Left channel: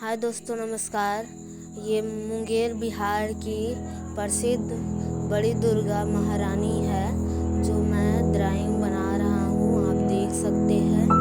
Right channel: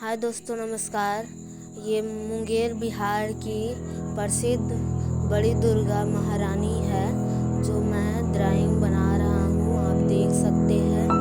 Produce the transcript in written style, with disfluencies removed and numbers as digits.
हाय दोस्तों, नमस्कार। ये मुंगेर बिहार की प्रसिद्ध बड़ी दुर्गा महारानी है जो मैं ड्राइंग बना रहा हूँ। आप देख सकते हैं।